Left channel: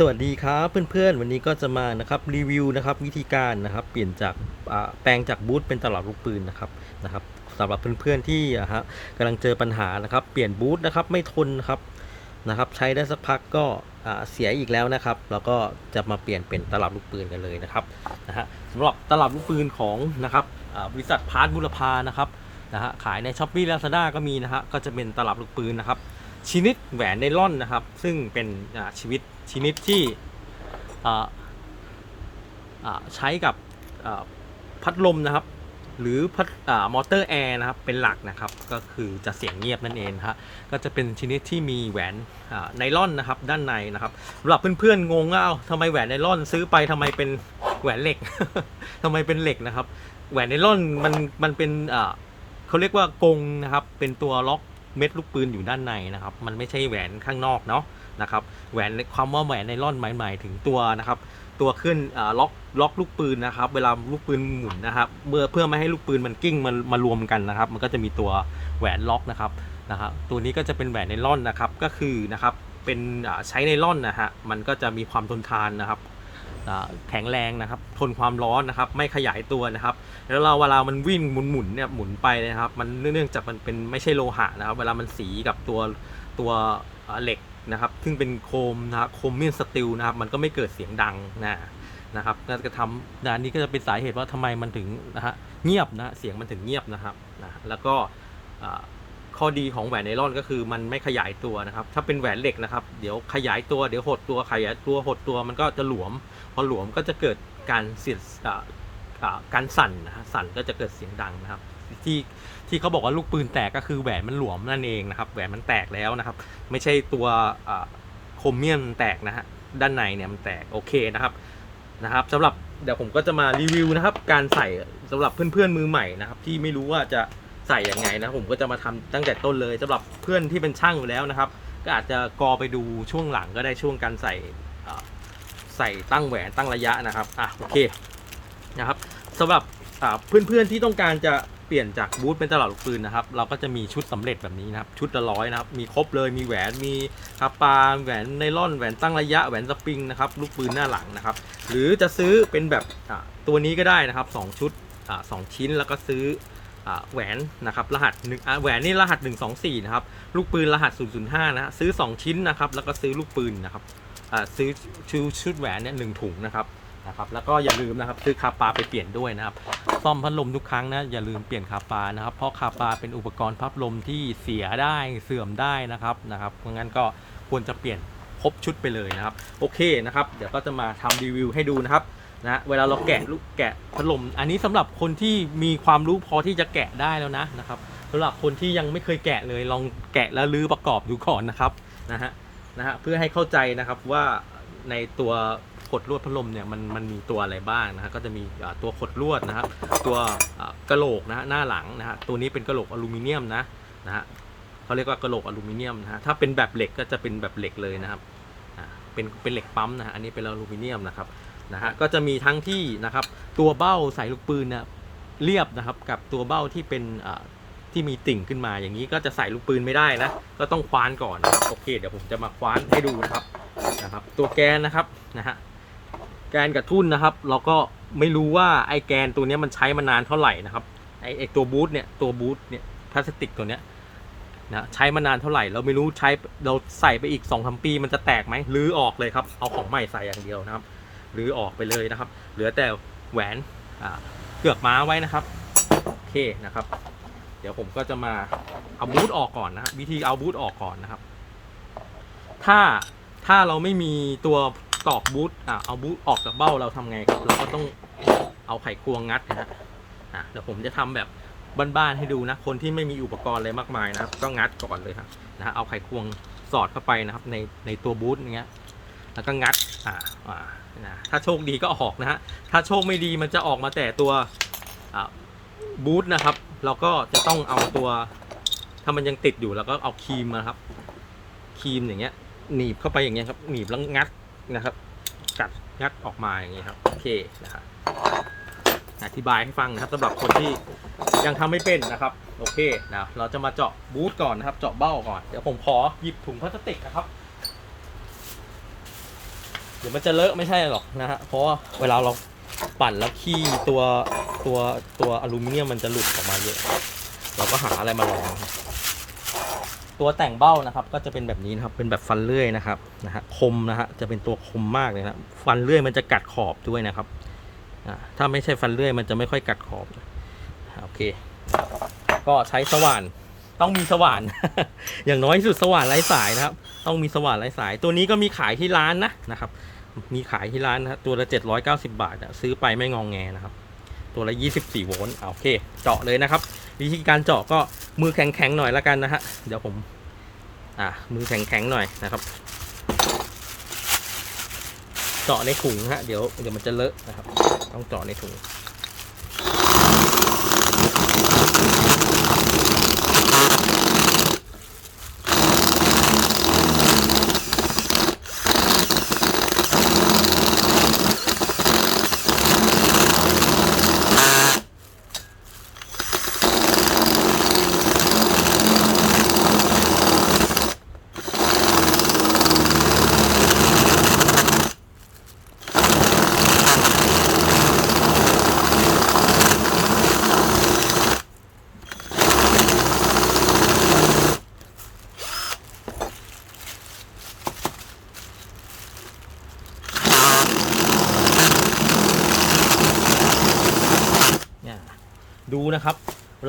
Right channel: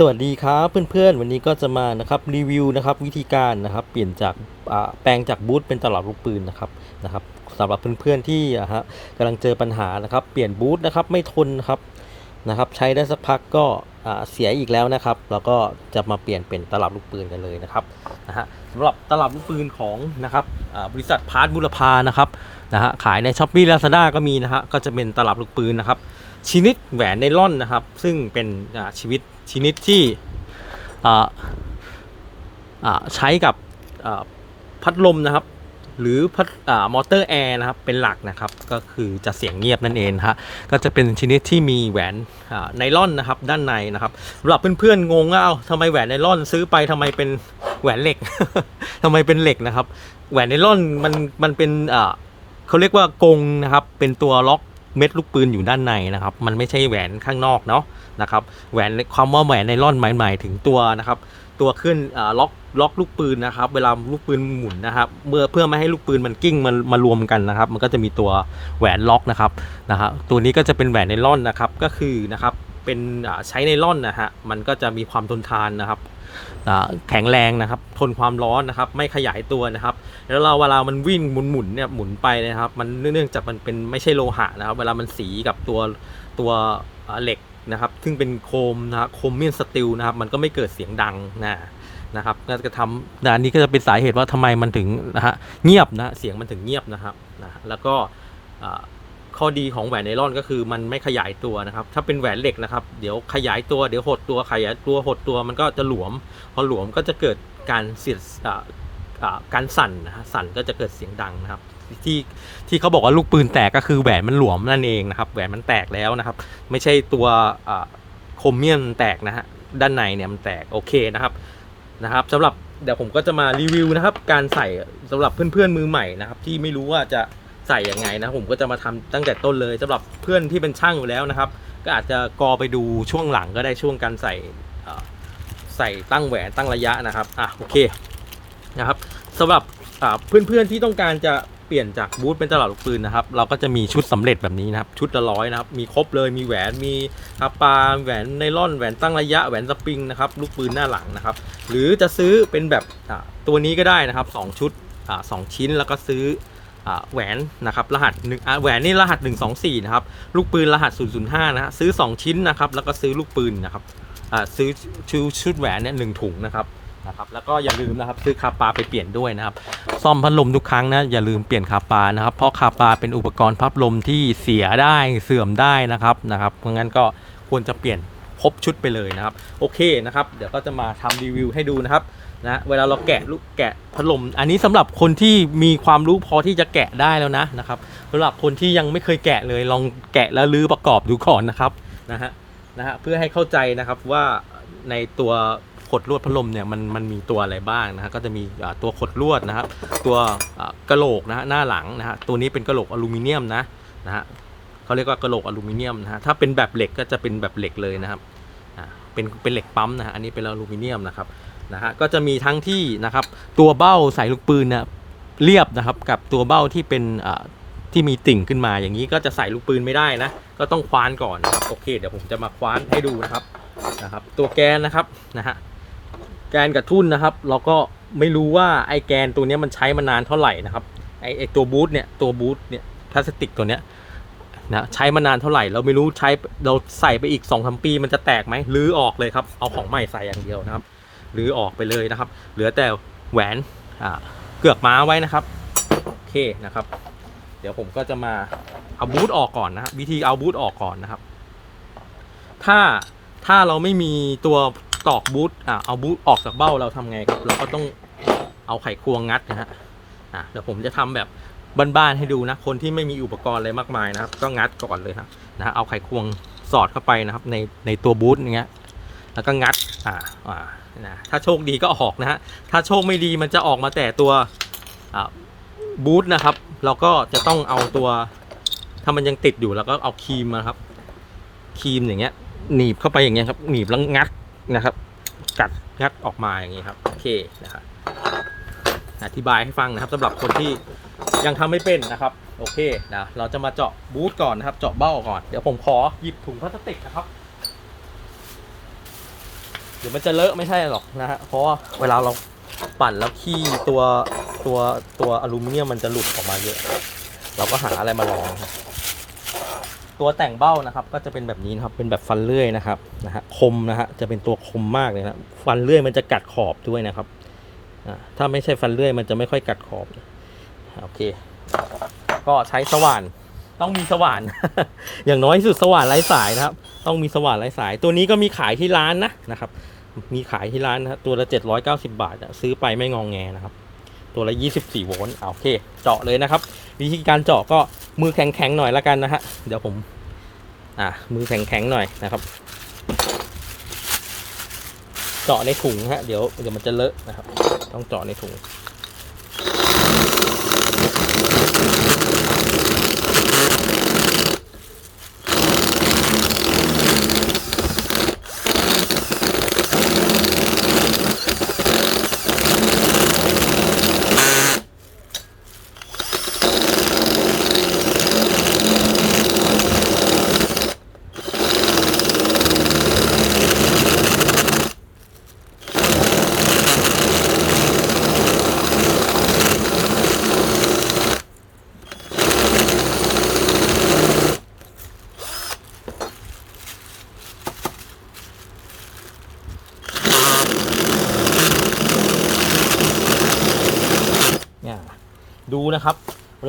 สวัสดีครับเพื่อนๆ วันนี้ก็จะมานะครับรีวิวนะครับวิธีการนะครับเปลี่ยนจากแปลงจากบูทเป็นตลับลูกปืนนะครับนะครับสำหรับเพื่อนๆที่ฮะกำลังเจอปัญหานะครับเปลี่ยนบูทนะครับไม่ทนครับนะครับใช้ได้สักพักก็เสียอีกแล้วนะครับแล้วก็จะมาเปลี่ยนเป็นตลับลูกปืนกันเลยนะครับนะฮะสำหรับตลับลูกปืนของนะครับบริษัทพาร์ทบุรพานะครับนะฮะขายในช้อปปี้ลาซาด้าก็มีนะฮะก็จะเป็นตลับลูกปืนนะครับ ชนิดแหวนไนล่อนนะครับ ซึ่งเป็นชีวิตชนิดที่ใช้กับพัดลมนะครับ หรือพัดอมอเตอร์แอร์นะครับเป็นหลักนะครับ ก็คือจะเสียงเงียบนั่นเองฮะก็จะเป็นชนิดที่มีแหวนไนล่อนนะครับด้านในนะครับสำหรับเพื่อนๆงงว่าเอาทำไมแหวนไนล่อนซื้อไปทำไมเป็นแหวนเหล็กทำไมเป็นเหล็กนะครับ แหวนไนล่อนมันมันเป็นเขาเรียกว่ากงนะครับเป็นตัวล็อก เม็ดลูกปืนอยู่ด้านในนะครับ มันไม่ใช่แหวนข้างนอกเนาะนะครับ แหวนความว่าแหวนไนล่อนหมายหมายถึงตัวนะครับ ตัวขึ้นล็อกล็อกลูกปืนนะครับ เวลาลูกปืนหมุนนะครับ เมื่อเพื่อไม่ให้ลูกปืนมันกิ้งมันมารวมกันนะครับ มันก็จะมีตัวแหวนล็อกนะครับนะฮะตัวนี้ก็จะเป็นแหวนไนล่อนนะครับ ก็คือนะครับเป็นใช้ไนล่อนนะฮะ มันก็จะมีความทนทานนะครับ แข็งแรงนะครับ ทนความร้อนนะครับ ไม่ขยายตัวนะครับ แล้วเราเวลามันวิ่งหมุนหมุนเนี่ยหมุนไปนะครับ มันเนื่องจากมันเป็นไม่ใช่โลหะนะครับ เวลามันสีกับตัวตัวเหล็กนะครับ ซึ่งเป็นโครมนะครับโครเมียนสตีลนะครับ มันก็ไม่เกิดเสียงดังนะนะครับน่าจะทำนะอันนี้ก็จะเป็นสาเหตุว่าทำไมมันถึงนะฮะเงียบนะเสียงมันถึงเงียบนะครับนะแล้วก็ ข้อดีของแหวนไนลอนก็คือมันไม่ขยายตัวนะครับ ถ้าเป็นแหวนเหล็กนะครับ เดี๋ยวขยายตัวเดี๋ยวหดตัวขยายตัวหดตัวมันก็จะหลวม พอหลวมก็จะเกิดการเสียดการสั่นนะฮะสั่นก็จะเกิดเสียงดังนะครับ ที่ที่เขาบอกว่าลูกปืนแตกก็คือแหวนมันหลวมนั่นเองนะครับ แหวนมันแตกแล้วนะครับ ไม่ใช่ตัวอ่าโครเมียนแตกนะฮะด้านในเนี่ยมันแตกโอเคนะครับนะครับสำหรับเดี๋ยวผมก็จะมารีวิวนะครับ การใส่สำหรับเพื่อนๆมือใหม่นะครับ ที่ไม่รู้ว่าจะ ใส่ยังไงนะผมก็จะมาทำตั้งแต่ต้นเลยสำหรับเพื่อนที่เป็นช่างอยู่แล้วนะครับ ก็อาจจะกอไปดูช่วงหลังก็ได้ช่วงการใส่ใส่ตั้งแหวนตั้งระยะนะครับอะโอเคนะครับสำหรับอ่าเพื่อนๆที่ต้องการจะเปลี่ยนจากบูทเป็นตลับลูกปืนนะครับ เราก็จะมีชุดสำเร็จแบบนี้นะครับ ชุดละร้อยนะครับ มีครบเลย มีแหวน มีคาปาแหวนไนล่อน แหวนตั้งระยะ แหวนสปริงนะครับ ลูกปืนหน้าหลังนะครับ หรือจะซื้อเป็นแบบตัวนี้ก็ได้นะครับสองชุดสองชิ้น แล้วก็ซื้อ แหวนนะครับรหัสหนึ่งแหวนนี่รหัส 124 นะครับ ลูกปืนรหัส 005นะฮะซื้อ 2 ชิ้นนะครับ แล้วก็ซื้อลูกปืนนะครับซื้อชุดชุดแหวนเนี่ยหนึ่งถุงนะครับนะครับแล้วก็อย่าลืมนะครับซื้อคาปาไปเปลี่ยนด้วยนะครับ ซ่อมพัดลมทุกครั้งนะอย่าลืมเปลี่ยนคาปานะครับ เพราะคาปาเป็นอุปกรณ์พัดลมที่เสียได้เสื่อมได้นะครับนะครับเพราะงั้นก็ควรจะเปลี่ยนครบชุดไปเลยนะครับ โอเคนะครับ เดี๋ยวก็จะมาทำรีวิวให้ดูนะครับ นะเวลาเราแกะลูกแกะพัดลมอันนี้สำหรับคนที่มีความรู้พอที่จะแกะได้แล้วนะนะครับสำหรับคนที่ยังไม่เคยแกะเลยลองแกะแล้วรื้อประกอบดูก่อนนะครับนะฮะนะฮะเพื่อให้เข้าใจนะครับว่าในตัวขดลวดพัดลมเนี่ยมันมันมีตัวอะไรบ้างนะฮะก็จะมีตัวขดลวดนะครับตัวกระโหลกนะฮะหน้าหลังนะฮะตัวนี้เป็นกระโหลกอลูมิเนียมนะนะฮะเขาเรียกว่ากระโหลกอลูมิเนียมนะฮะถ้าเป็นแบบเหล็กก็จะเป็นแบบเหล็กเลยนะครับอ่าเป็นเป็นเหล็กปั๊มนะฮะอันนี้เป็นอลูมิเนียมนะครับ นะฮะก็จะมีทั้งที่นะครับตัวเบ้าใส่ลูกปืนเนี่ยเรียบนะครับกับตัวเบ้าที่เป็นที่มีติ่งขึ้นมาอย่างนี้ก็จะใส่ลูกปืนไม่ได้นะก็ต้องคว้านก่อนโอเค เดี๋ยวผมจะมาคว้านให้ดูนะครับนะครับ ตัวแกนนะครับนะฮะแกนกับทุ่นนะครับ เราก็ไม่รู้ว่าไอแกนตัวนี้มันใช้มานานเท่าไหร่นะครับไอไอตัวบูทเนี่ยตัวบูทเนี่ยพลาสติกตัวเนี้ยนะใช้มานานเท่าไหร่เราไม่รู้ใช้เราใส่ไปอีก2อสปี มันจะแตกไหมรื้อออกเลยครับเอาของใหม่ใส่อย่างเดียวนะครับ รือออกไปเลยนะครับ เหลือแต่แหวนเกือกม้าไว้นะครับโอเคนะครับ เดี๋ยวผมก็จะมาเอาบูทออกก่อนนะวิธีเอาบูทออกก่อนนะครับ ถ้าถ้าเราไม่มีตัวตอกบูทอะเอาบูทออกจากเบ้าเราทำไงครับเราก็ต้องเอาไขควงงัดนะฮะอะเดี๋ยวผมจะทำแบบบ้านๆให้ดูนะ คนที่ไม่มีอุปกรณ์อะไรมากมายนะครับ ก็งัดก่อนเลยนะฮะเอาไขควงสอดเข้าไปนะครับในในตัวบูทอย่างเงี้ยแล้วก็งัดอ่าอ่า นะถ้าโชคดีก็ออกนะฮะถ้าโชคไม่ดีมันจะออกมาแต่ตัวบูทนะครับ เราก็จะต้องเอาตัวถ้ามันยังติดอยู่แล้วก็เอาครีมมาครับครีมอย่างเงี้ยหนีบเข้าไปอย่างเงี้ยครับหนีบแล้วงัดนะครับ กัดงัดออกมาอย่างเงี้ยครับโอเคนะครับอธิบายให้ฟังนะครับสำหรับคนที่ยังทำไม่เป็นนะครับ โอเคนะเราจะมาเจาะบูทก่อนนะครับ เจาะเบ้าก่อนเดี๋ยวผมขอหยิบถุงพลาสติกนะครับ เดี๋ยวมันจะเลอะไม่ใช่หรอกนะฮะ เพราะว่าเวลาเราปั่นแล้วขี้ตัวตัวตัวอลูมิเนียมมันจะหลุดออกมาเยอะ เราก็หาอะไรมาลองครับตัวแต่งเบ้านะครับ ก็จะเป็นแบบนี้นะครับ เป็นแบบฟันเลื่อยนะครับนะฮะคมนะฮะจะเป็นตัวคมมากเลยนะฟันเลื่อยมันจะกัดขอบด้วยนะครับอ่าถ้าไม่ใช่ฟันเลื่อยมันจะไม่ค่อยกัดขอบโอเค ก็ใช้สว่านต้องมีสว่าน อย่างน้อยสุดสว่านไร้สายนะครับ ต้องมีสว่านไร้สาย ตัวนี้ก็มีขายที่ร้านนะนะครับ มีขายที่ร้านนะตัวละ790 บาทอะซื้อไปไม่งองแงนะครับ ตัวละ 24 โวลต์อะโอเค เจาะเลยนะครับ วิธีการเจาะก็มือแข็งๆหน่อยละกันนะฮะเดี๋ยวผม อะมือแข็งๆหน่อยนะครับ เจาะในถุงฮะเดี๋ยวเดี๋ยวมันจะเลอะนะครับ ต้องเจาะในถุง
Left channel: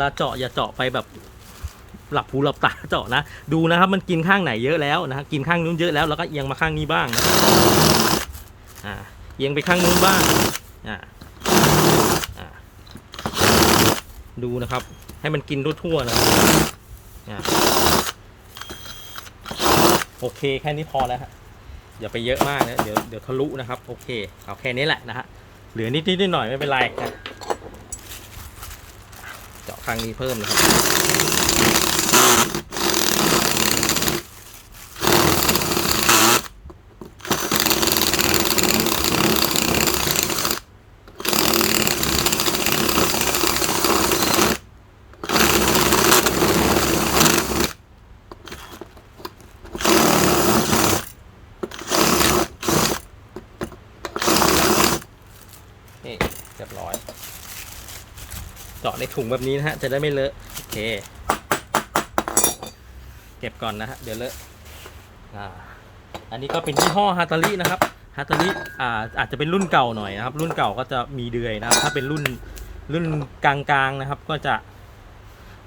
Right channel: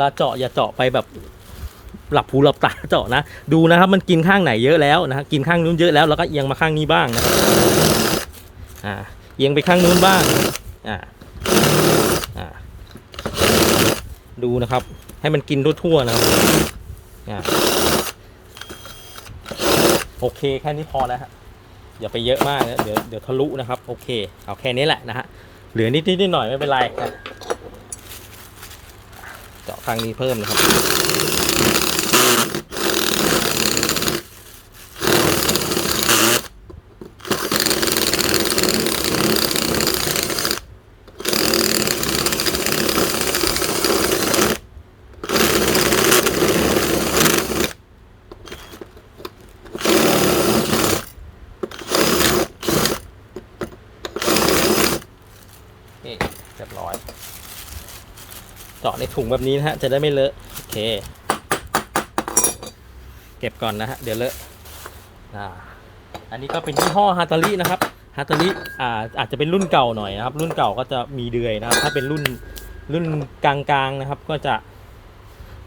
ลาเจาะอย่าเจาะไปแบบหลับหูหลับตาเจาะนะ ดูนะครับมันกินข้างไหนเยอะแล้วนะกินข้างนู้นเยอะแล้วแล้วก็เอียงมาข้างนี้บ้างนะอ่าเอียงไปข้างนู้นบ้างอ่าอ่าดูนะครับ ให้มันกินทั่วๆนะอ่าโอเคแค่นี้พอแล้วฮะอย่าไปเยอะมากนะเดี๋ยวเดี๋ยวทะลุนะครับ โอเคเอาแค่นี้แหละนะฮะเหลือนิดนิดๆหน่อยไม่เป็นไรนะ เจาะข้างนี้เพิ่มนะครับนี่เรียบร้อย เจาะในถุงแบบนี้นะฮะ จะได้ไม่เลอะ โอเค เก็บก่อนนะฮะ เดี๋ยวเลอะ อ่า อันนี้ก็เป็นยี่ห้อฮาตารินะครับ ฮาตาริอ่า อาจจะเป็นรุ่นเก่าหน่อยนะครับ รุ่นเก่าก็จะมีเดือยนะครับ ถ้าเป็นรุ่นรุ่นกลางๆนะครับ ก็จะ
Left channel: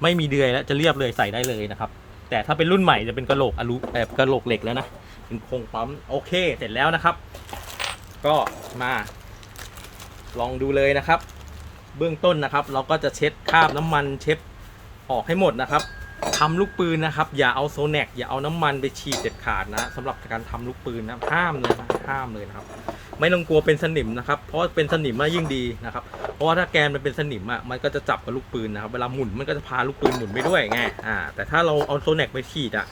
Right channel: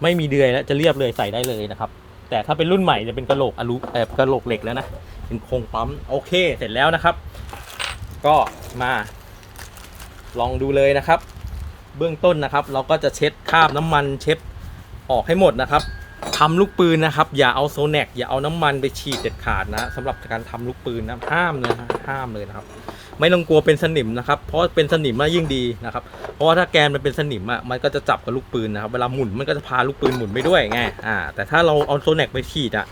ไม่มีเดือยแล้วจะเรียบเลยใส่ได้เลยนะครับ แต่ถ้าเป็นรุ่นใหม่จะเป็นกระโหลกอลูเอ่อกระโหลกเหล็กแล้วนะเป็นโครงปั๊มโอเค เสร็จแล้วนะครับ ก็มาลองดูเลยนะครับ เบื้องต้นนะครับ เราก็จะเช็ดคราบน้ำมันเช็ดออกให้หมดนะครับทำลูกปืนนะครับ อย่าเอาโซแนกอย่าเอาน้ำมันไปฉีดเด็ดขาดนะสำหรับการทำลูกปืนนะห้ามเลยนะห้ามเลยนะครับ ไม่ต้องกลัวเป็นสนิมนะครับ เพราะเป็นสนิมมายิ่งดีนะครับ เพราะว่าถ้าแกนมันเป็นสนิมอะมันก็จะจับกับลูกปืนนะครับ เวลาหมุนมันก็จะพาลูกปืนหมุนไปด้วยไงอ่าแต่ถ้าเราเอาโซแนกไปฉีดอะ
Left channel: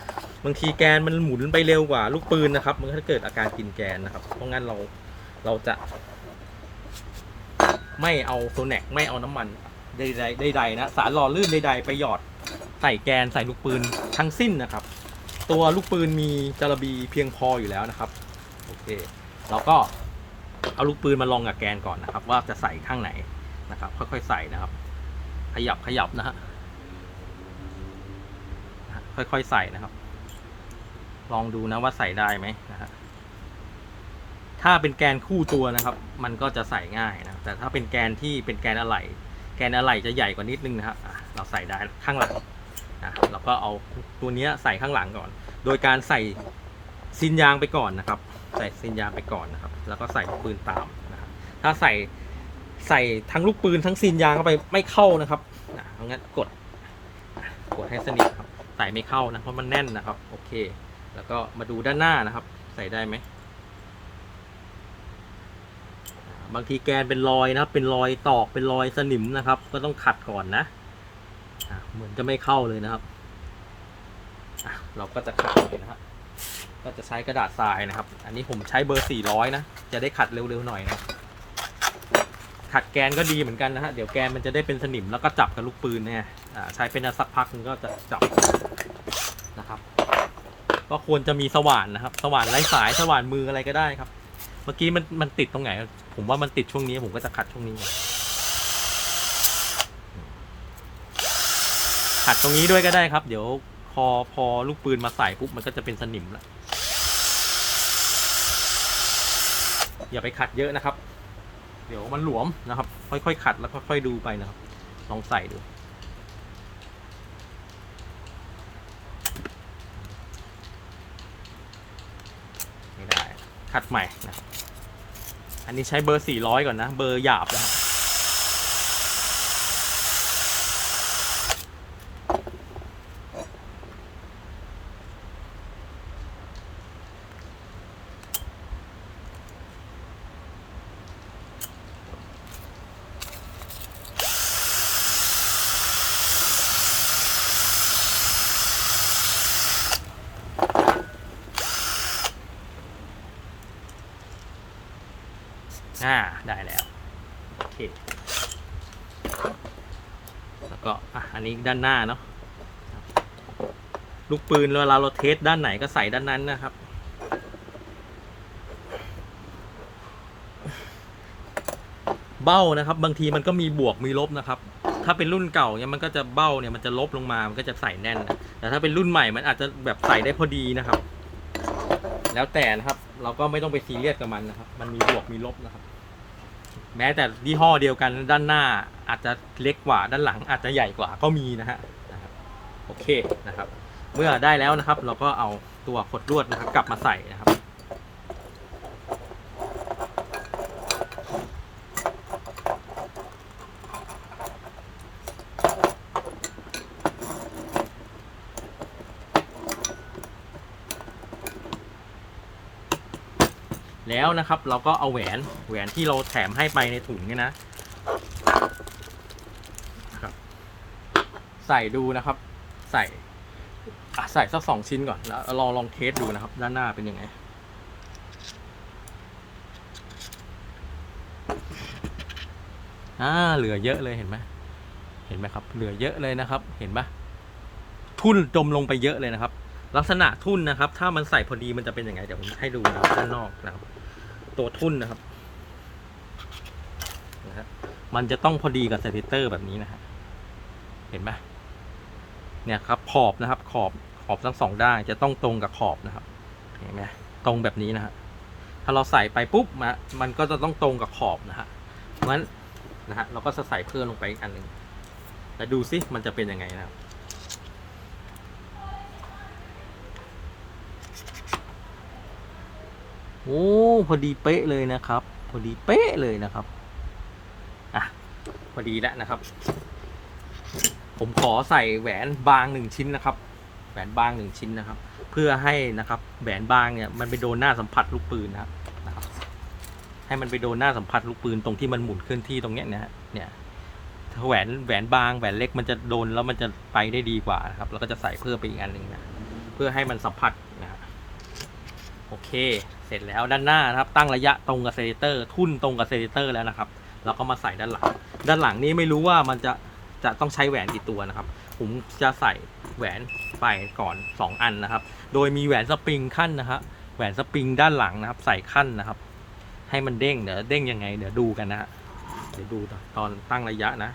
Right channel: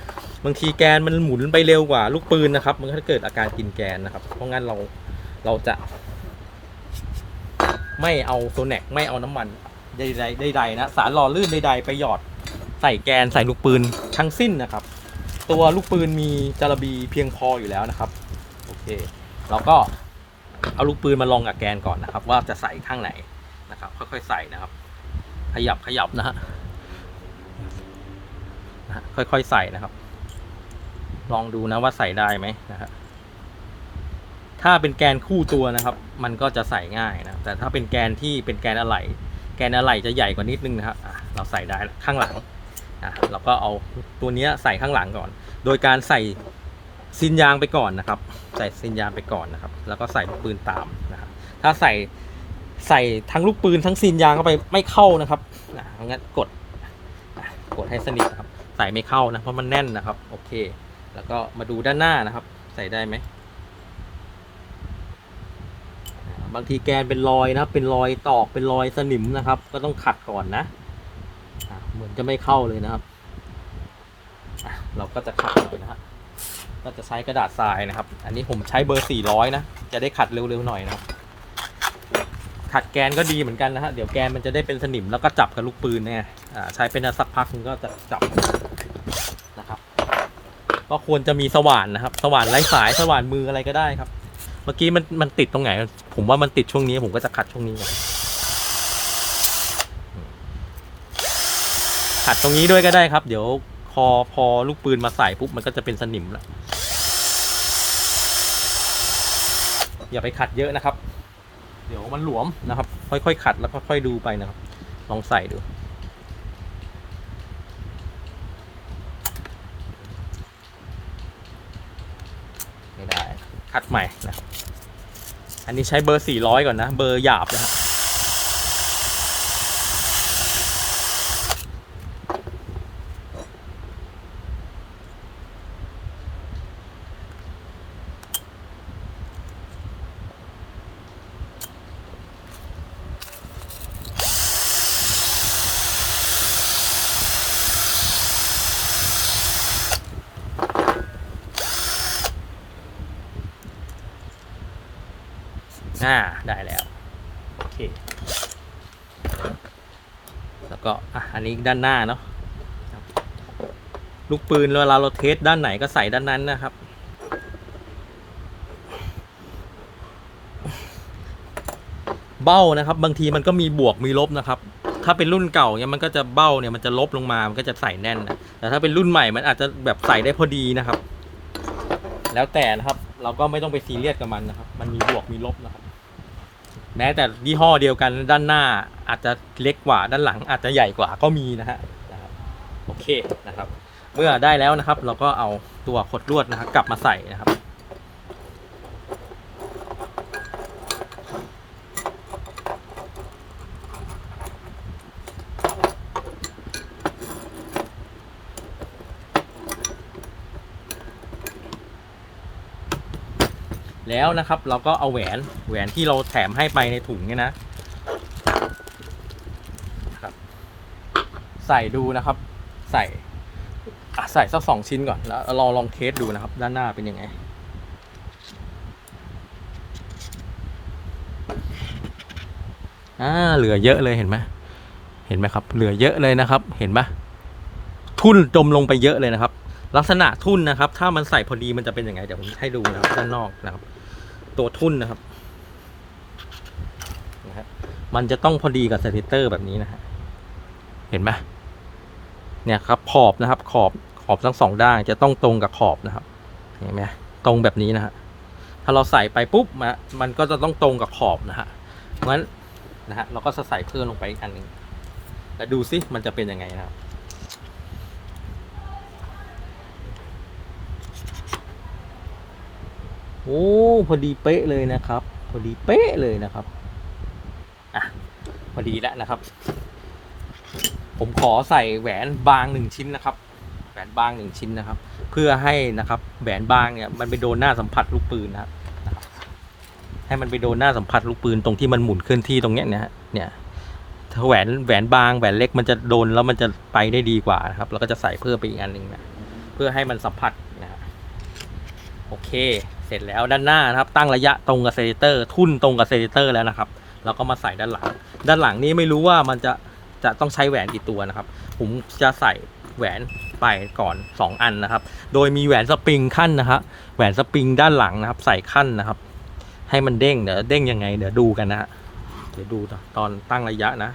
บางทีแกนมันหมุนไปเร็วกว่าลูกปืนนะครับ มันก็จะเกิดอาการกินแกนนะครับ เพราะงั้นเราเราจะ ไม่เอาโซแนกไม่เอาน้ำมันใดๆใดๆนะสารหล่อลื่นใดๆไปหยอดใส่แกนใส่ลูกปืนทั้งสิ้นนะครับ ตัวลูกปืนมีจารบีเพียงพออยู่แล้วนะครับโอเคเราก็เอาลูกปืนมาลองกับแกนก่อนนะครับ ว่าจะใส่ข้างไหนนะครับ ค่อยๆใส่นะครับ ขยับขยับนะฮะนะฮะค่อยๆใส่นะครับ ลองดูนะว่าใส่ได้ไหมนะฮะ ถ้าเป็นแกนคู่ตัวนะครับ มันก็จะใส่ง่ายนะ แต่ถ้าเป็นแกนที่เป็นแกนอะไหล่แกนอะไหล่จะใหญ่กว่านิดนึงนะครับเราใส่ได้ข้างหลังนะเราก็เอาตัวนี้ใส่ข้างหลังก่อน โดยการใส่ซินยางไปก่อนนะครับ ใส่ซินยางไปก่อนนะครับ แล้วก็ใส่ลูกปืนตามนะครับถ้าใส่ใส่ทั้งลูกปืนทั้งซินยางเข้าไปไม่เข้านะครับอะงั้นกดกดให้สนิทครับ ใส่ไม่เข้านะเพราะมันแน่นนะครับ โอเค แล้วก็มาดูด้านหน้านะครับ ใส่ได้ไหม บางทีแกนเป็นรอยนะครับ เป็นรอยตอกเป็นรอยสนิมนะครับ ก็ต้องขัดก่อนนะเหมือนจะไม่เข้าเลยนะครับเราก็จะขัดเลยนะครับก็จะใช้กระดาษทรายนะครับ อันนี้ผมใช้เบอร์ 400 นะ จะได้ขัดเร็วๆหน่อยนะ ขัดแกนก็ดีเหมือนกันนะฮะ เดี๋ยวแกนมันจะได้เป็นสนิมแล้วก็จับกับลูกปืนเนี่ยใช้เป็นสักพักนึงก็จะจับนะครับ ก็ควรจะมีสว่านนะครับ สว่านไร้สาย สว่านมืออะไรก็ได้ครับ มื่อกี้มันมันติดตรงไหน ผมว่ามันติดช่วงนี้ ผมก็จะขัดช่วงนี้ก่อนขัดตรงนี้ด้วยก็ได้ครับ เดี๋ยวพอพอลูกปืนมาใส่ปุ๊บมันก็จะเป็นสนิมละอย่าไปขัดเยอะนะครับ เดี๋ยวมันหลวมนะครับ ค่อยๆขัดแล้วค่อยๆดูไปนะครับ ลองใส่ดู ไม่ได้ คัดใหม่นะครับอันนี้ใช้เบอร์ 400 ก่อนนะ เบอร์หยาบนะครับ อ่าได้แล้วโอเคแล้วก็อะอันนี้ด้านหน้าเนาะลูกปืนเวลาเราเทสด้านไหนก็ใส่ด้านนั้นนะครับ เบ้านะครับ บางทีมันก็มีบวกมีลบนะครับ ถ้าเป็นรุ่นเก่าเนี่ยมันก็จะเบ้าเนี่ยมันจะลบลงมามันก็จะใส่แน่นนะแต่ถ้าเป็นรุ่นใหม่มันอาจจะแบบใส่ได้พอดีนะครับ แล้วแต่นะครับ เราก็ไม่ต้องไปซีเรียสกับมันนะครับ มันมีบวกมีลบนะครับ แม้แต่ยี่ห้อเดียวกันด้านหน้าอาจจะเล็กกว่าด้านหลังอาจจะใหญ่กว่าก็มีนะฮะโอเคนะครับ เมื่อได้แล้วนะครับ เราก็เอาตัวขดลวดนะครับ กลับมาใส่นะครับ แล้วนะครับ เราก็เอาแหวนแหวนที่เราแถมให้ไปในถุงเนี่ยนะใส่ดูนะครับ ใส่ใส่สักสองชิ้นก่อนแล้วเราลองเทสดูนะครับ ด้านหน้าเป็นยังไงอ่าเหลือเยอะเลยเห็นไหมเห็นไหมครับ เหลือเยอะเลยนะครับ เห็นไหมทุ่นจมลงไปเยอะเลยนะครับ ลักษณะทุ่นนะครับ ถ้ามันใส่พอดีมันจะเป็นยังไงเดี๋ยวผมให้ดูนะครับด้านนอกนะครับ ตัวทุ่นนะครับนะครับ มันจะต้องพอดีกับสเตเตอร์แบบนี้นะครับ เห็นไหมเนี่ยครับขอบนะครับ ขอบขอบทั้งสองด้านจะต้องตรงกับขอบนะครับ เห็นไหมตรงแบบนี้นะฮะถ้าเราใส่ไปปุ๊บมามันก็จะต้องตรงกับขอบนะฮะงั้นนะฮะเราก็จะใส่เพิ่มลงไปอีกอันหนึ่งแต่ดูซิมันจะเป็นยังไงนะครับ โอ้พอดีเป๊ะเลยนะครับ พอดีเป๊ะเลยนะครับอะพอดีแล้วนะครับ ผมขอใส่แหวนบางหนึ่งชิ้นนะครับ แหวนบางหนึ่งชิ้นนะครับ เพื่อให้นะครับแหวนบางเนี่ยมันไปโดนหน้าสัมผัสลูกปืนนะครับให้มันไปโดนหน้าสัมผัสลูกปืนตรงที่มันหมุนเคลื่อนที่ตรงเนี้ยนะฮะเนี่ยถ้าแหวนแหวนบางแหวนเล็กมันจะโดนแล้วมันจะไปได้ดีกว่านะครับแล้วก็จะใส่เพิ่มไปอีกอันหนึ่งเนี่ยเพื่อให้มันสัมผัสนะฮะโอเค เสร็จแล้วด้านหน้านะครับ ตั้งระยะตรงกับเซนเตอร์ ทุ่นตรงกับเซนเตอร์แล้วนะครับแล้วก็มาใส่ด้านหลัง ด้านหลังนี้ไม่รู้ว่ามันจะจะต้องใช้แหวนกี่ตัวนะครับ ผมจะใส่แหวนไปก่อน 2 อันนะครับ โดยมีแหวนสปริงขั้นนะครับแหวนสปริงด้านหลังนะครับ ใส่ขั้นนะครับ ให้มันเด้งเดี๋ยวเด้งยังไง เดี๋ยวดูกันนะฮะเดี๋ยวดูตอนตั้งระยะนะ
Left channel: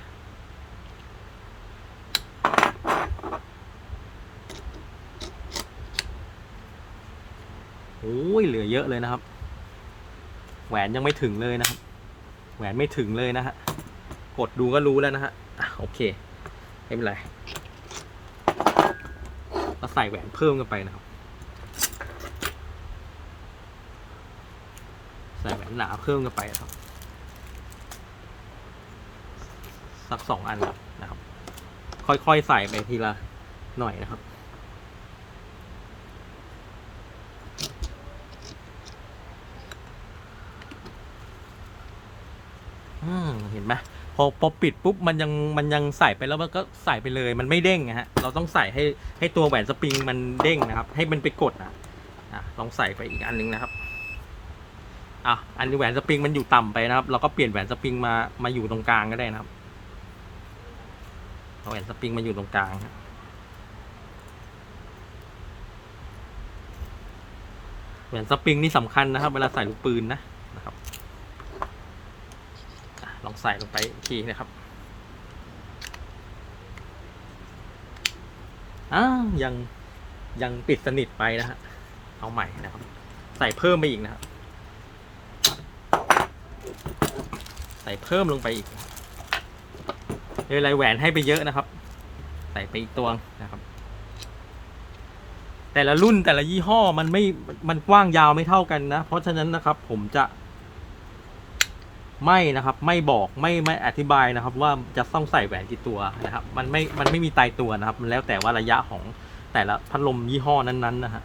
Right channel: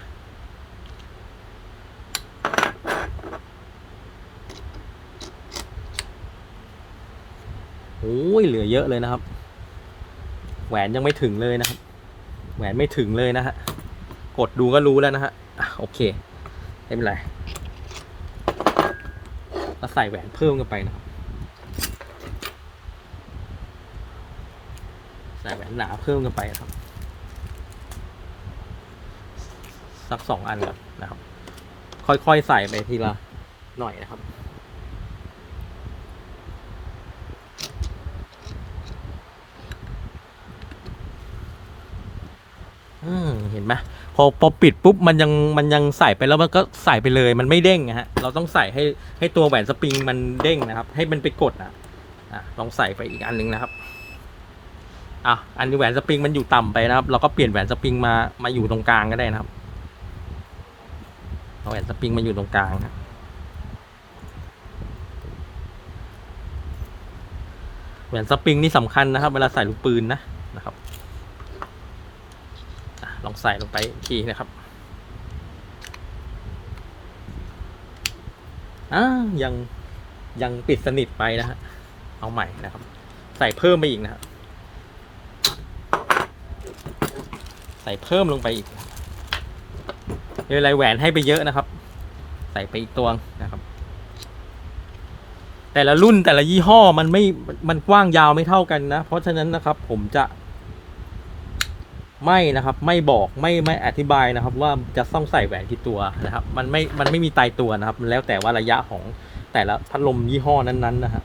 โอ้ยเหลือเยอะเลยนะครับ แหวนยังไม่ถึงเลยนะครับ แหวนไม่ถึงเลยนะฮะ กดดูก็รู้แล้วนะฮะโอเคไม่เป็นไรก็ใส่แหวนเพิ่มกันไปนะครับ ใส่แหวนหนาเพิ่มกันไปครับ สักสองอันก่อนนะครับ ค่อยๆใส่ไปทีละหน่อยนะครับ อืมเห็นไหมพอพอปิดปุ๊บมันยังมันยังใส่ไปแล้วมันก็ใส่ไปเลยมันไม่เด้งนะฮะเราต้องใส่ให้ให้ตัวแหวนสปริงมันเด้งนะครับ ให้มันไปกดอะอะลองใส่ไปอีกอันหนึงนะครับอะอันนี้แหวนสปริงมันอยู่ต่ำไปนะครับ เราก็เปลี่ยนแหวนสปริงมามาอยู่ตรงกลางก็ได้นะครับเอาแหวนสปริงมาอยู่ตรงกลางนะแหวนสปริงนี่สำคัญนะครับ เวลาใส่ลูกปืนนะนะครับ ลองใส่ลงไปอีกทีนะครับอ่ายังยังปิดสนิทไปนะฮะเอาใหม่นะครับ ใส่เพิ่มไปอีกนะครับใส่เพิ่มลงไปอีกเลยลายแหวนให้ไปเยอะนะครับ ใส่ไปอีกตัวนะครับ แต่ละรุ่นแต่ละยี่ห้อมันไม่มันกว้างยาวไม่เท่ากันนะ เพราะฉะนั้นนะครับ ผมจะ ไม่นะครับ ไม่บอกไม่ไม่อธิบายนะครับ ว่าจะต้องใส่แหวนกี่ตัวนะครับ มันไม่มันไม่มีตายตัวนะครับ มันแล้วแต่ว่าระยะของแต่ละพัดลมยี่ห้อนั้นๆนะฮะ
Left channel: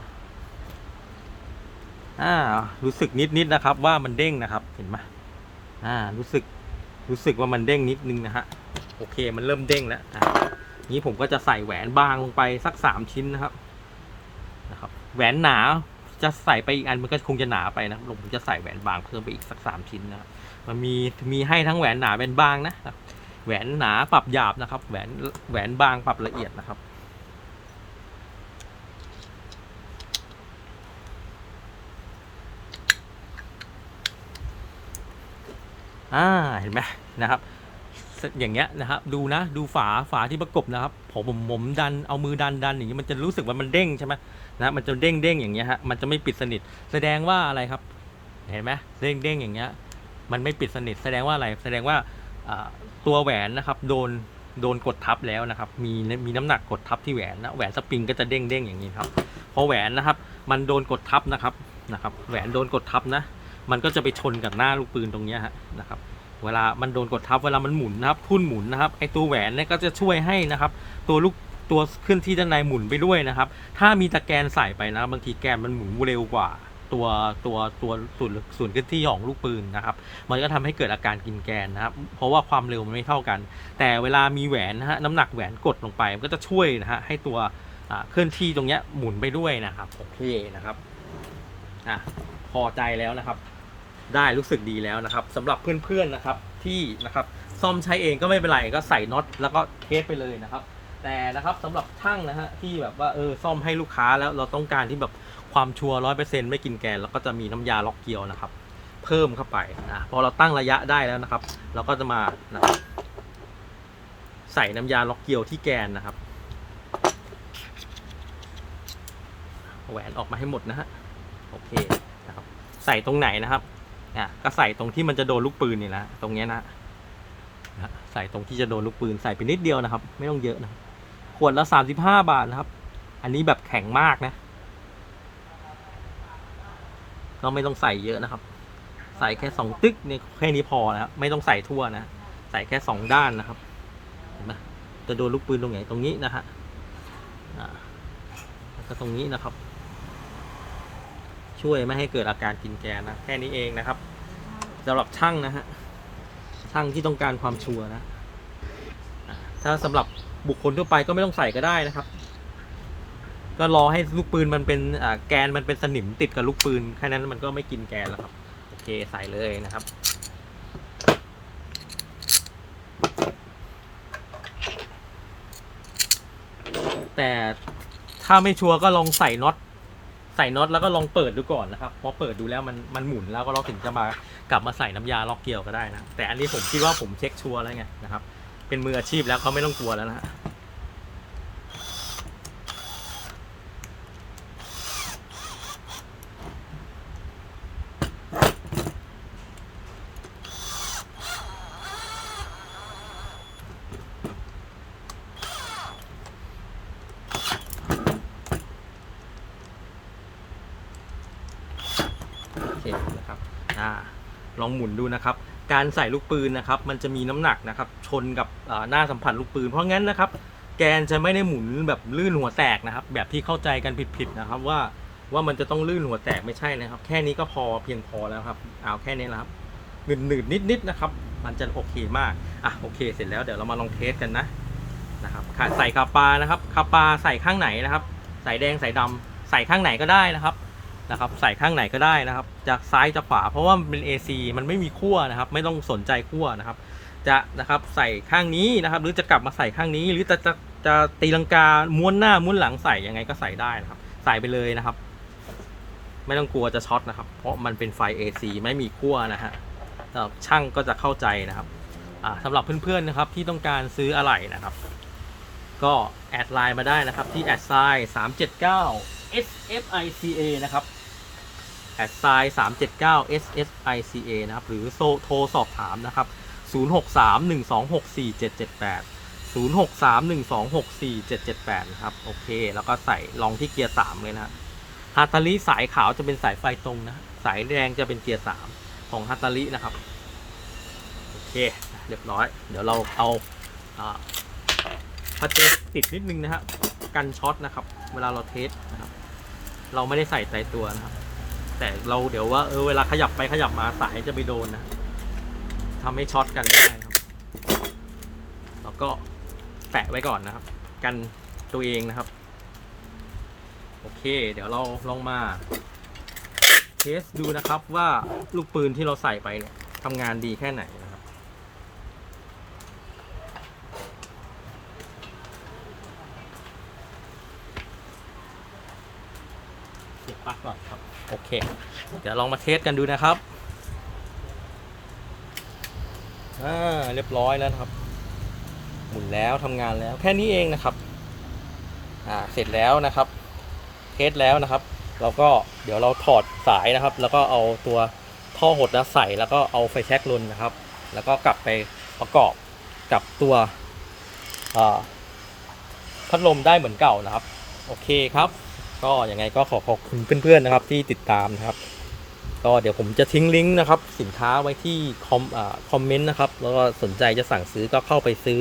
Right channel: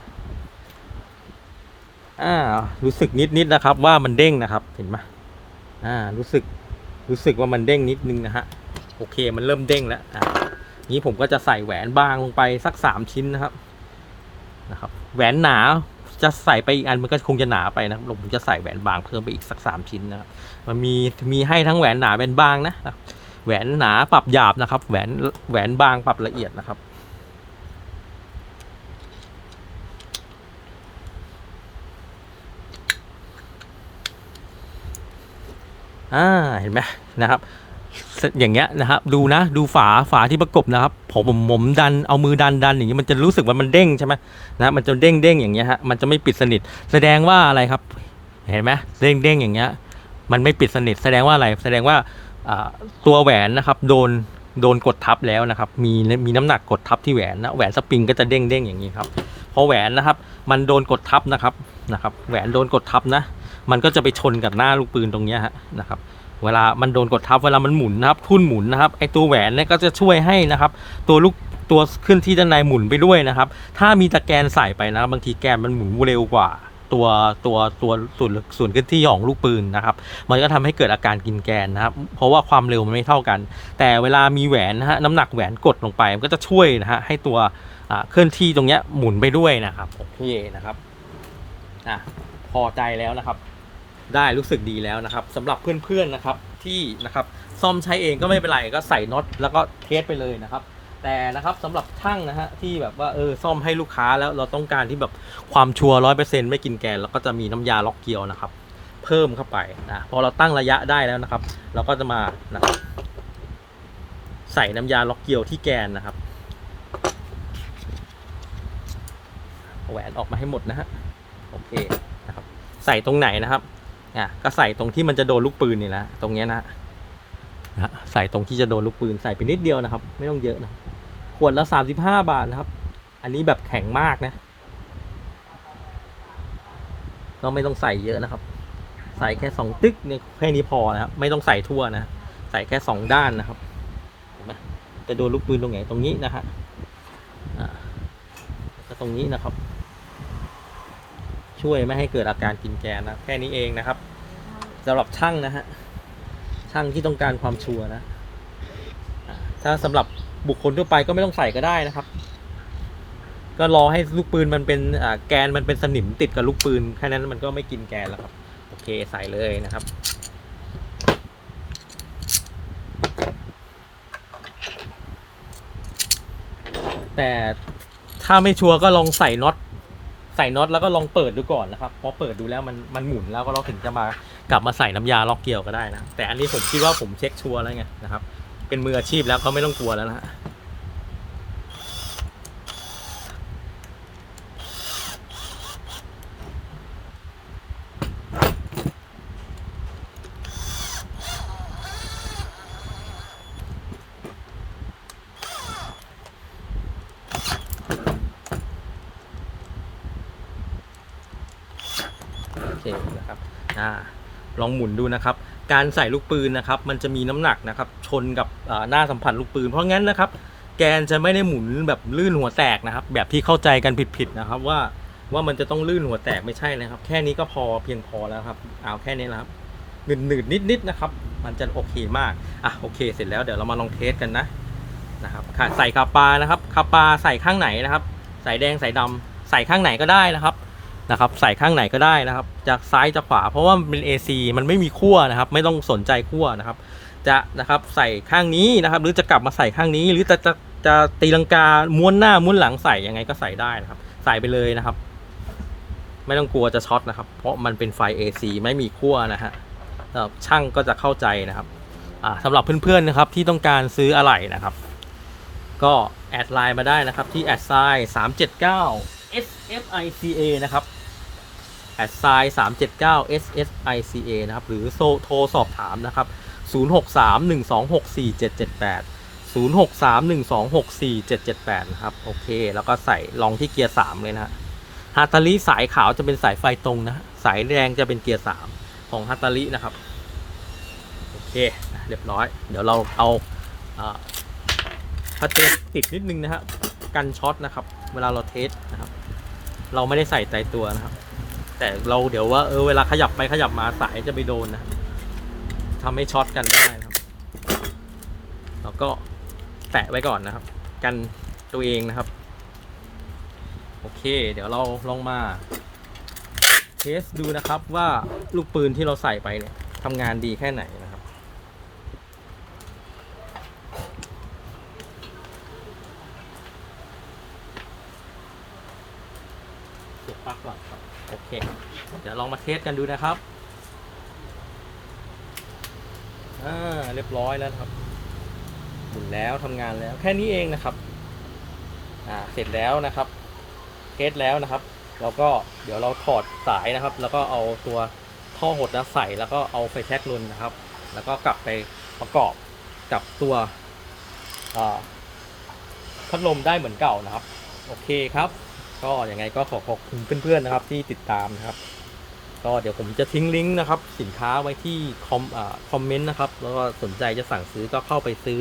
อ่ารู้สึกนิดๆนนะครับ ว่ามันเด้งนะครับเห็นไหมอ่า รู้สึกรู้สึกว่ามันเด้งนิดนึงนะฮะโอเคมันเริ่มเด้งแล้วอะนี้ผมก็จะใส่แหวนบางลงไปสักสามชิ้นนะครับนะครับ แหวนหนา จะใส่ไปอีกอันมันก็คงจะหนาไปนะผมจะใส่แหวนบางเพิ่มไปอีกสักสามชิ้นนะครับมันมีมีให้ทั้งแหวนหนาแหวนบางนะแหวนหนาปรับหยาบนะครับ แหวนแหวนบางปรับละเอียดนะครับอ่าเห็นไหมนะครับ อย่างเงี้ยนะครับดูนะดูฝาฝาที่ประกบนะครับผมผมผมดันเอามือดันดันอย่างเงี้ยมันจะรู้สึกว่ามันเด้งใช่ไหมนะมันจะเด้งเด้งอย่างเงี้ยฮะมันจะไม่ปิดสนิท แสดงว่าอะไรครับ เห็นไหมเด้งเด้งอย่างเงี้ยมันไม่ปิดสนิท แสดงว่าอะไรแสดงว่าอ่าตัวแหวนนะครับโดนโดนกดทับแล้วนะครับมีมีน้ำหนักกดทับที่แหวนนะแหวนสปริงก็จะเด้งเด้งอย่างนี้ครับพอแหวนนะครับ มันโดนกดทับนะครับนะครับ แหวนโดนกดทับนะ มันก็จะไปชนกับหน้าลูกปืนตรงเนี้ยฮะนะครับ เวลามันโดนกดทับเวลามันหมุนนะครับทุ่นหมุนนะครับไอตัวแหวนเนี่ยก็จะช่วยให้นะครับ ตัวลูกตัวขึ้นที่ด้านในหมุนไปด้วยนะครับ ถ้ามีตะแกรงใส่ไปนะครับบางทีแกนมันหมุนเร็วกว่าตัวตัวตัวส่วนส่วนขึ้นที่ของลูกปืนนะครับ มันก็ทำให้เกิดอาการกินแกนนะครับ เพราะว่าความเร็วมันไม่เท่ากัน แต่เวลามีแหวนนะฮะน้ำหนักแหวนกดลงไป มันก็จะช่วยนะฮะให้ตัวเคลื่อนที่ตรงเนี้ยหมุนไปด้วยนะครับโอเคนะครับอะพอใจแล้วนะครับ ได้รู้สึกดีแล้วนะครับสำหรับเพื่อนๆนะครับที่นะครับซ่อมใช้เองก็ไม่เป็นไรก็ใส่น็อตแล้วก็เทสไปเลยนะครับ แต่นะครับสำหรับช่างนะฮะที่แบบว่าเออซ่อมให้ลูกค้าแล้วเราต้องการที่แบบความชัวร้อยเปอร์เซ็นต์ไม่กินแกนเราก็จะมีน้ำยาล็อกเกียวนะครับ เพิ่มเข้าไปนะพอเราตั้งระยะได้แล้วนะครับ เราก็จะมานะใส่น้ำยาล็อกเกียวที่แกนนะครับแหวนออกมาให้หมดนะฮะโอเคนะครับใส่ตรงไหนนะครับ อะก็ใส่ตรงที่มันจะโดนลูกปืนนี่แหละตรงเนี้ยนะนะฮะใส่ตรงที่จะโดนลูกปืนใส่ไปนิดเดียวนะครับ ไม่ต้องเยอะนะขวดละสามสิบห้าบาทนะครับ อันนี้แบบแข็งมากนะก็ไม่ต้องใส่เยอะนะครับ ใส่แค่สองติ๊กเนี่ยแค่นี้พอนะครับไม่ต้องใส่ทั่วนะใส่แค่สองด้านนะครับเห็นไหมจะโดนลูกปืนตรงไหนตรงนี้นะฮะก็ตรงนี้นะครับ ช่วยไม่ให้เกิดอาการกินแกนนะ แค่นี้เองนะครับสำหรับช่างนะฮะ ช่างที่ต้องการความชัวร์นะ ถ้าสำหรับบุคคลทั่วไปก็ไม่ต้องใส่ก็ได้นะครับ ก็รอให้ลูกปืนมันเป็นแกนมันเป็นสนิมติดกับลูกปืนแค่นั้นมันก็ไม่กินแกนแล้วครับ โอเคใส่เลยนะครับแต่ถ้าไม่ชัวร์ก็ลองใส่น็อต ใส่น็อตแล้วก็ลองเปิดดูก่อนนะครับพอเปิดดูแล้วมันมันหมุนแล้วก็เราถึงจะมากลับมาใส่น้ำยาล็อกเกลียวก็ได้นะแต่อันนี้ผมคิดว่าผมเช็คชัวร์แล้วไงนะครับเป็นมืออาชีพแล้วเขาไม่ต้องกลัวแล้วนะ โอเคนะครับอ่าลองหมุนดูนะครับ การใส่ลูกปืนนะครับ มันจะมีน้ำหนักนะครับ ชนกับหน้าสัมผัสลูกปืน เพราะงั้นนะครับ แกนจะไม่ได้หมุนแบบลื่นหัวแตกนะครับ แบบที่เข้าใจกันผิดๆนะครับ ว่าว่ามันจะต้องลื่นหัวแตกไม่ใช่นะครับ แค่นี้ก็พอเพียงพอแล้วครับ เอาแค่นี้แหละครับหนืดหนืดนิดนิดๆนะครับ มันจะโอเคมาก อะโอเคเสร็จแล้วเดี๋ยวเรามาลองเทสกันนะนะครับใส่คาปานะครับคาปาใส่ข้างไหนนะครับ ใส่แดงใส่ดำใส่ข้างไหนก็ได้นะครับ นะครับใส่ข้างไหนก็ได้นะครับจากซ้ายจากขวา เพราะว่ามันเป็น AC มันไม่มีขั้วนะครับ ไม่ต้องสนใจขั้วนะครับ จะนะครับใส่ข้างนี้นะครับ หรือจะกลับมาใส่ข้างนี้ หรือจะจะจะตีลังกาม้วนหน้าม้วนหลังใส่ยังไงก็ใส่ได้นะครับ ใส่ไปเลยนะครับ ไม่ต้องกลัวจะช็อตนะครับ เพราะมันเป็นไฟ AC ไม่มีขั้วนะฮะช่างก็จะเข้าใจนะครับสำหรับเพื่อนๆนะครับที่ต้องการซื้ออะไหล่นะครับ ก็แอดไลน์มาได้นะครับที่แอดไซน์379 SSICA นะครับ แอดไซน์379 SSICA นะครับ หรือโทรโทรสอบถามนะครับ0631264778 0631264778นะครับ โอเค แล้วก็ใส่ลองที่เกียร์3เลยนะฮะฮาตาลิสายขาวจะเป็นสายไฟตรงนะ สายแดงจะเป็นเกียร์3ของฮาตาลินะครับ โอเค เรียบร้อย เดี๋ยวเราเอาอ่าถ้าเจอติดนิดนึงนะฮะ กันช็อตนะครับ เวลาเราเทสนะครับ เราไม่ได้ใส่ใจตัวนะครับ แต่เราเดี๋ยวว่าเออเวลาขยับไปขยับมาสายจะไปโดนนะทำให้ช็อตกันได้ครับแล้วก็แตะไว้ก่อนนะครับ กันตัวเองนะครับ โอเค เดี๋ยวเราลองมาเทสดูนะครับว่าลูกปืนที่เราใส่ไปเนี่ยทำงานดีแค่ไหนนะครับ เสียบปลั๊กก่อนครับโอเค เดี๋ยวลองมาเทสกันดูนะครับอ่าเรียบร้อยแล้วครับหมุนแล้วทำงานแล้วแค่นี้เองนะครับอ่าเสร็จแล้วนะครับ เทสแล้วนะครับ เราก็เดี๋ยวเราถอดสายนะครับ แล้วก็เอาตัวท่อหดนะใส่แล้วก็เอาไฟแช็กลนนะครับ แล้วก็กลับไปประกอบกับตัวพัดลมได้เหมือนเก่านะครับ โอเคครับ ก็ยังไงก็ขอขอบคุณเพื่อนๆนะครับที่ติดตามนะครับ ก็เดี๋ยวผมจะทิ้งลิงก์นะครับสินค้าไว้ที่คอมอ่าคอมเมนต์นะครับ แล้วก็สนใจจะสั่งซื้อก็เข้าไปซื้อ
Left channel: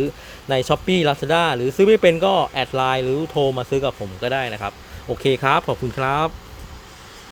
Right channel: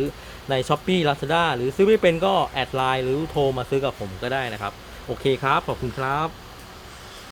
ใน s h อ p e e Lazada หรือซื้อไม่เป็นก็แอดไลน์หรือโทรมาซื้อกับผมก็ได้นะครับ โอเคครับ ขอบคุณครับ